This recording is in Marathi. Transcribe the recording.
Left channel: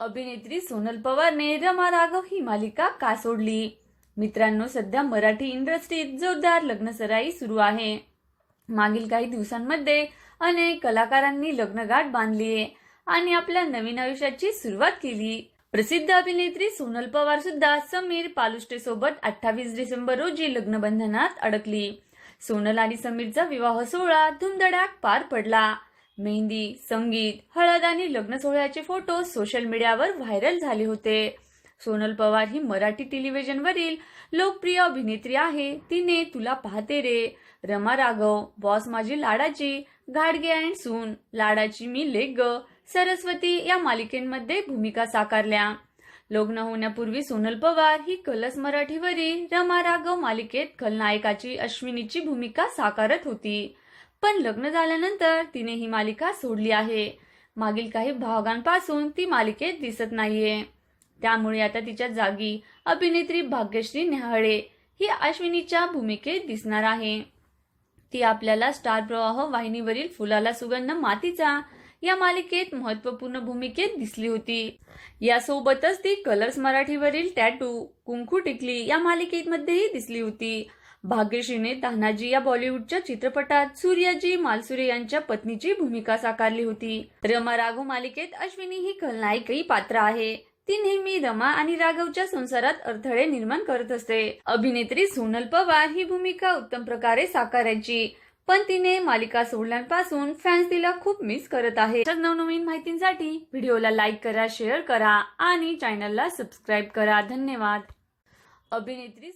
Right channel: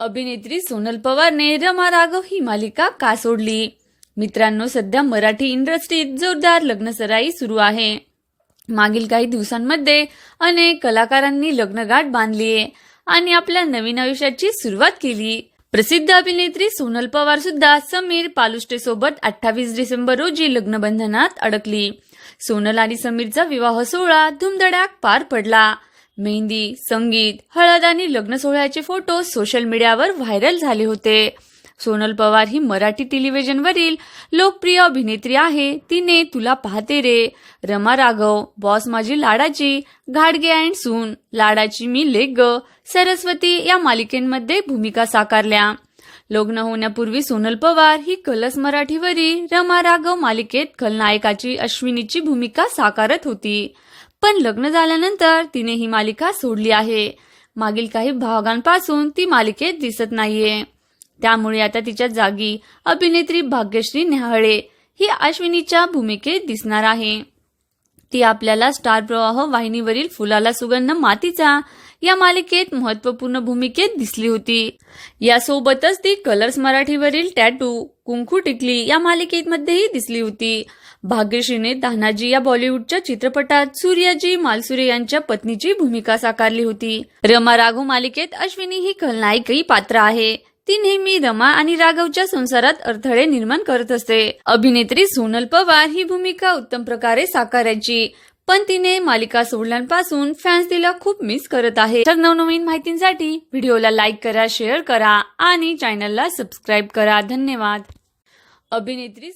अभिनेत्री सोनल पवारने रमा राघव ही मालिका का सोडली? मित्रांनो सध्या मराठी इंडस्ट्रीत जोरदार लग्नसराई सुरू आहे. मागील काही दिवसांमध्ये अनेक कलाकारांनी लग्नगाठ बांधली आणि आपल्या नवीन आयुष्याची सुरुवात केली. प्रसिद्ध अभिनेत्री सोनल पवार सुद्धा समीर पालुष्टे सोबत अठ्ठावीस डिसेंबर रोजी लग्नबंधनात अडकली. सोनल आणि समीरचा विवाह सोहळा धुमधडाक पार पडला. मेहंदी संगीत हळद आणि लग्न सोहळ्याचे फोटो सोशल मीडियावर व्हायरल झाले होते. सोनल पवार ही मराठी टेलिव्हिजनवरील लोकप्रिय अभिनेत्री आहे. तिने तुला पाहते रे. रमा राघव बॉस माझी लाडाची घाडगे अँड सून लाडाची मी लेग ग सरस्वती या मालिकेमध्ये भूमिका साकारल्या. लग्न होण्यापूर्वी सोनल पवार ही कलस मराठीवरील रमा राघव मालिकेत खलनायकाची अश्विनीची भूमिका साकारत होती. पण लग्न झाल्यानंतर तिने ही मालिका सोडली आहे. मागील काही भागांपासून ती मालिकेत दिसत नाहीये. त्यामुळे आता तिच्या जागी अभिनेत्री भाग्यश्री न्याहाळे ही अश्विनीच्या भूमिकेत दिसणार आहे. ती आपल्याला स्टार प्रवाह वाहिनीवरील फुलाला सुगंध मातीचा या मालिकेत महत्त्वपूर्ण भूमिकेत दिसली होती. यासोबतच ती कलर्स मराठीवरील टॅटू कुंकू टिकली या मालिकेमध्येही दिसली होती. भाग्यश्रीने तान्हाजी या बॉलिवूडच्या चित्रपटात सूर्याजी मालसुरे यांच्या पत्नीची भूमिका साकारली होती. रमा राघू मालिकेत अश्विनी ही खलनायकही पात्र आहे. ती नेहमी रमा आणि राघवच्या संसारात अडथळे निर्माण करत असते. अभिनेत्री सोनल पवार ही भूमिका उत्तम प्रकारे साकारायची. पण तिने मालिका सोडल्यापासून फॅन्स तिला खूप मिस करत आहे. तर नवनवीन माहितींसाठी व्हिडिओला लाईक करा शेअर करा आणि चॅनलला सबस्क्राईब करा. धन्यवाद. अभिनेत्री